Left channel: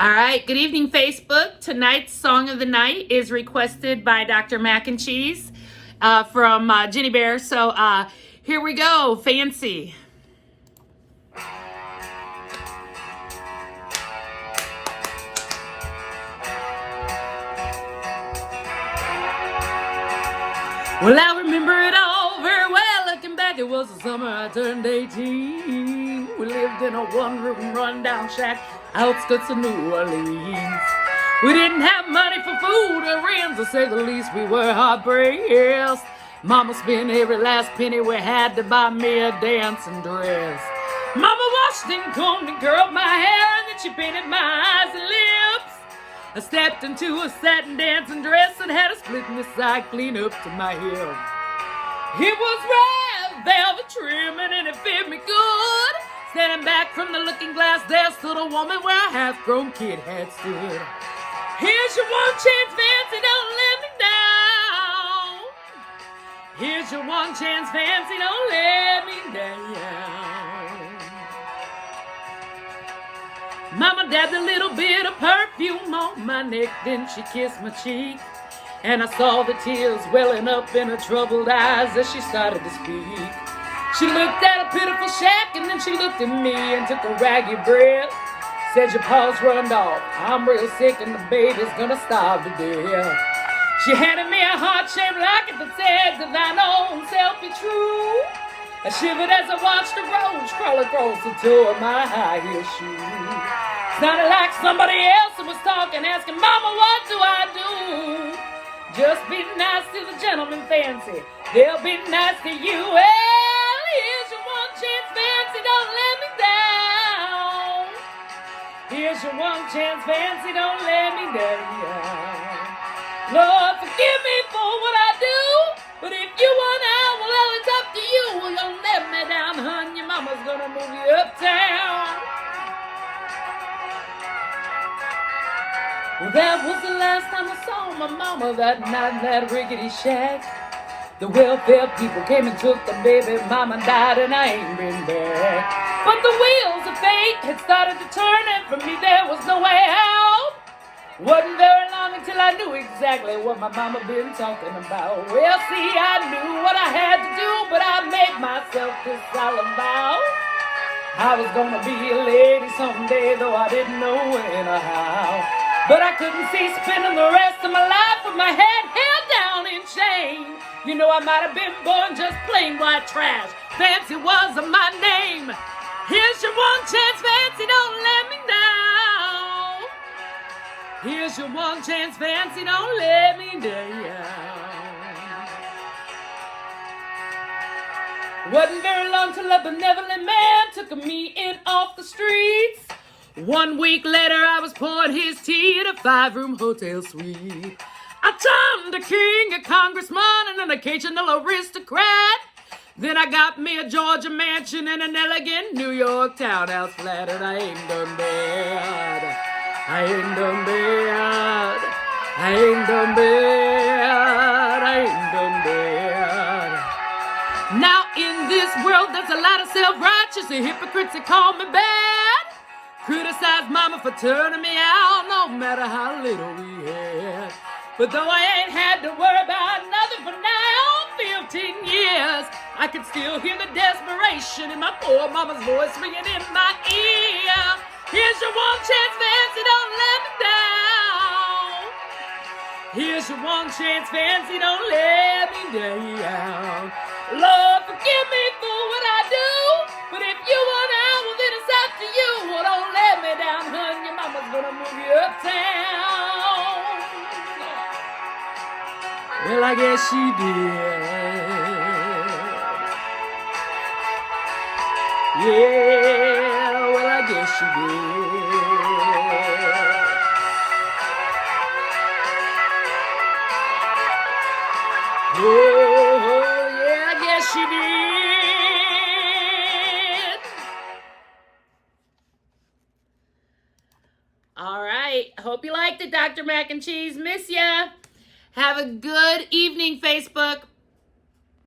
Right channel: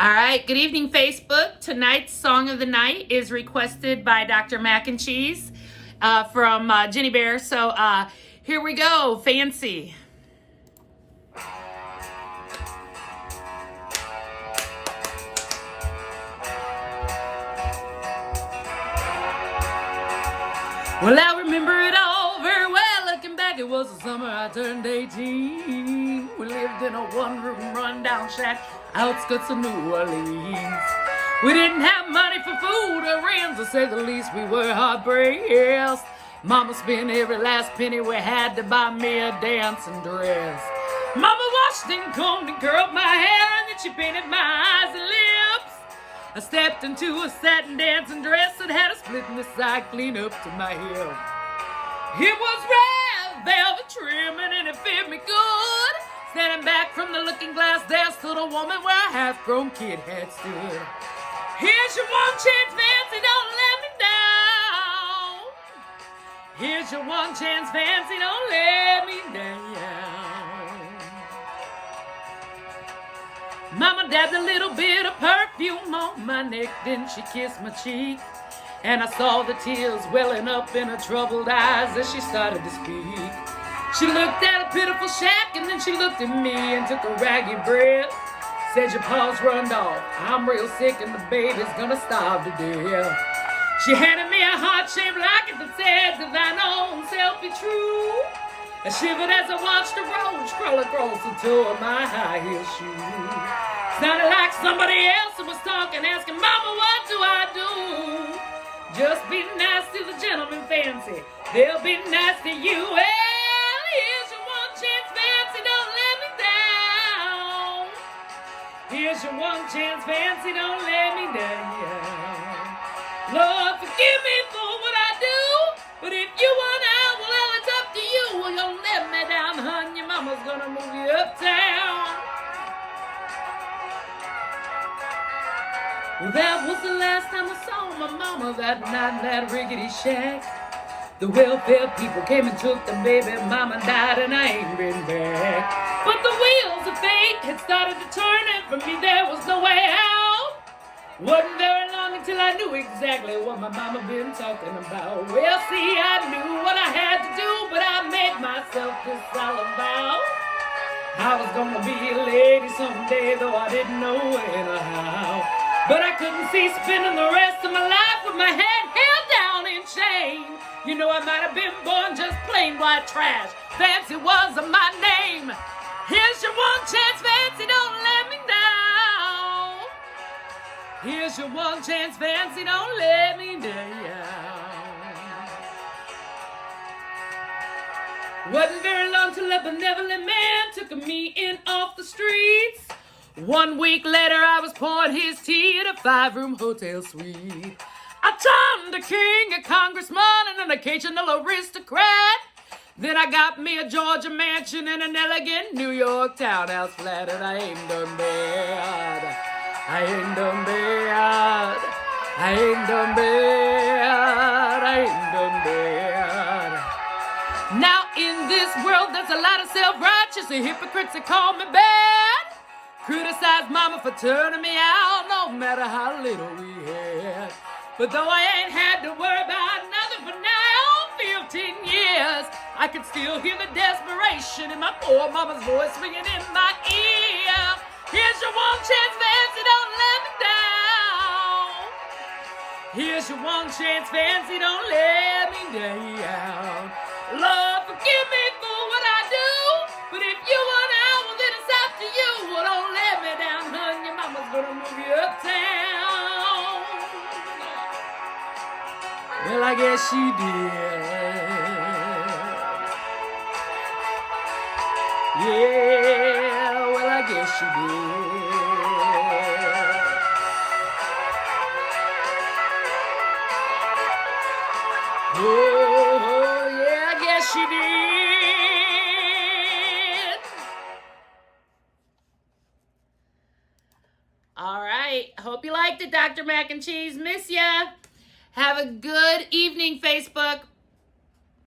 All right, good evening, Facebook. Tonight's song of the night is requested by Dr. Mac and Cheese from Jenny Bear. So here we go, Fancy. Well, I remember it all very well. Looking back, it was the summer I turned 18. We lived in a one-room rundown shack, outskirts of New Orleans. We didn't have money for food or rent, to say the least. We were hard-pressed. Mama spent every last penny we had to buy me a dancing dress. Mama washed and combed and curled my hair, and then she painted my eyes and lips. I stepped into a satin dancing dress and had a split in the side clean up to my hip. It was red velvet trimming and it fit me good. Standing back from the looking glass, there stood a woman where a half-grown kid had stood. Here's your one chance, Fancy, don't let me down. Here's your one chance, Fancy, don't let me down. Mama dabbed a little bit of perfume on my neck, then she kissed my cheek. And I saw the tears welling up in her troubled eyes as she started to speak. She looked at a pitiful shack and then she looked at me and took a raggy breath. Said, your paws run off, I'm real sick and the baby's gonna starve to death. She handed me a heart-shaped locket that said, to thine own self be true. I shivered as I watched the roach crawl across the toe of my high-heel shoe. Sounded like somebody else who was talking, asking, Mama, what do I do? Just be nice to the gentleman, Fancy. They'll be nice to you. Well, here's your one chance, Fancy, don't let me down. Here's your one chance, Fancy, don't let me down. Lord, forgive me for what I do, but if you want out, well, it's up to you. Well, you'll let me down, hun. Your mama's gonna move you uptown. Well, that was the last time I saw my mama that night in that rickety shack. The welfare people came and took the baby. Mama died and I ain't been back. But the wheels of fate had started to turn, and for me there was no way out. Wasn't very long until I knew exactly what my mama been talking about. Well, see, I knew what I had to do, but I made myself this all about. I was gonna be a lady someday, though I didn't know when or how. But I couldn't see spending the rest of my life with my head held down in shame. You know, I might have been born just plain white trash. Fancy wasn't my name. Here's your one chance, Fancy, don't let me down. Here's your one chance, Fancy, don't let me down. Wasn't very long till a benevolent man took me in off the streets. 1 week later, I was pouring his tea at a 5-room hotel suite. I turned a king, a congressman, and an occasional aristocrat. Then I got me a Georgia mansion and an elegant New York townhouse flat, and I ain't done bad. I ain't done bad. I ain't done bad. I ain't done bad. Now in this world, there's a lot of self-righteous and hypocrites that call me bad. Criticize mama for turning me out, no matter how little we had. But though I ain't had to worry about nothing for now 15 years, I can still hear the desperation in my poor mama's voice ringing in my ear. Here's your one chance, Fancy, don't let me down. Here's your one chance, Fancy, don't let me down. Lord, forgive me for what I do, but if you want out, well, then it's up to you. Well, don't let me down, hun. Your mama's gonna move you uptown. Well, I guess she did. Yeah, well, I guess she did. Oh, yeah, I guess she did. All right. Hope you liked it, Dr. Mac and Cheese. Miss ya. Have a good evening, Facebook.